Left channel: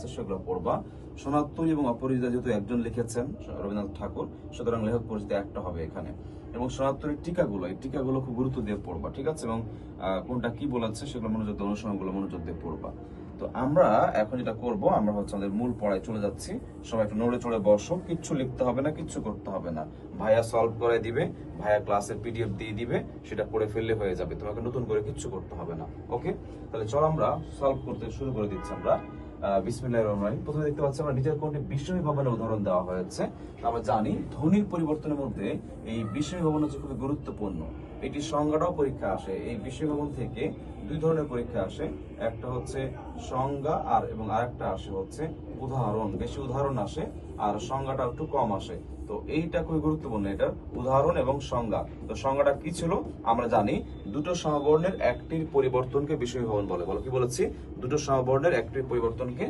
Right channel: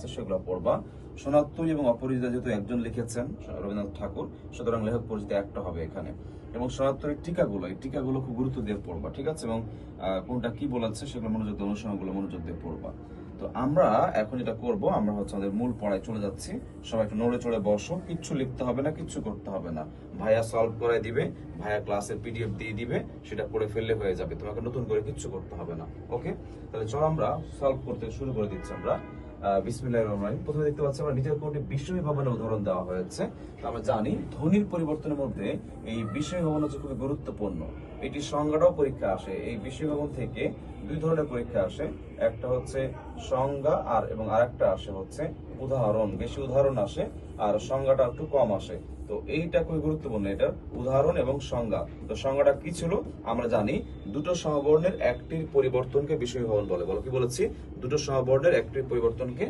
আছে সেগুলো পড়বা। সনাতনী এবং অপরাজিতা যেহেতু একজন লিখেছেন রবীন্দ্রনাথ ঠাকুর, সুতরাং লেখক পরিচিতি একটা হবে এখানে। এবং সনাতনের টিকাগুলো, এই টিকাগুলো খুব গুরুত্ব দিয়ে পড়বা, ঠিক আছে? এবং কোনটা কি বলেছে সেগুলো মনোযোগ দিয়ে, অনুসরণগুলো মনোযোগ দিয়ে পড়বা। তো আমরা এখন যেটা করব, আমরা হচ্ছে আমাদের মূল পড়ায় চলে যাচ্ছি। সবাই একটু নড়ে চড়ে বসো, কিচ্ছু লিখতে হবে না, কিচ্ছু করতে হবে না। ভাইয়া সলভ করে দিবে, ভাইয়া ক্লাসের পিডিএফ দিয়ে দিবে, সেটা করে ফেললে হয়ে যাবে, তোমাকে নতুন করে কিচ্ছু করতে হবে না। ওকে, তাহলে চল আমরা সলভ করতে শুরু করে দিচ্ছি। আমরা বিসমিল্লাহির রহমানির রহিম। প্রথমে দেখতে পাচ্ছি আমরা নিচের কোনটি বিস্ময়ী ভবনের উদাহরণ দেওয়া হয়েছে। আমরা জানি ধ্বনির পরিবর্তনের মধ্যে এই বিস্ময়ী ভবন হচ্ছে খুবই গুরুত্বপূর্ণ। এটি সংজ্ঞাটাও পরীক্ষা আসে। এই বিস্ময়ী ভবন থেকে দুই ধরনের পরীক্ষা আসে, একটা হচ্ছে সংজ্ঞা এবং আরেকটা আসে হচ্ছে উদাহরণ। বেশি উদাহরণ আসে আর সংজ্ঞাটা একটু কম আসে। তো এইটা খুবই গুরুত্বপূর্ণ, এটার উদাহরণ এবং সংজ্ঞা। তো সংজ্ঞাটা কি ছিল আমরা জানি, দুটো সমবর্ণের একটির পরিবর্তনকে বিস্ময়ী ভবন বলে। বলো কি বলেছি? দুটো সমবর্ণের একটির পরিবর্তনকে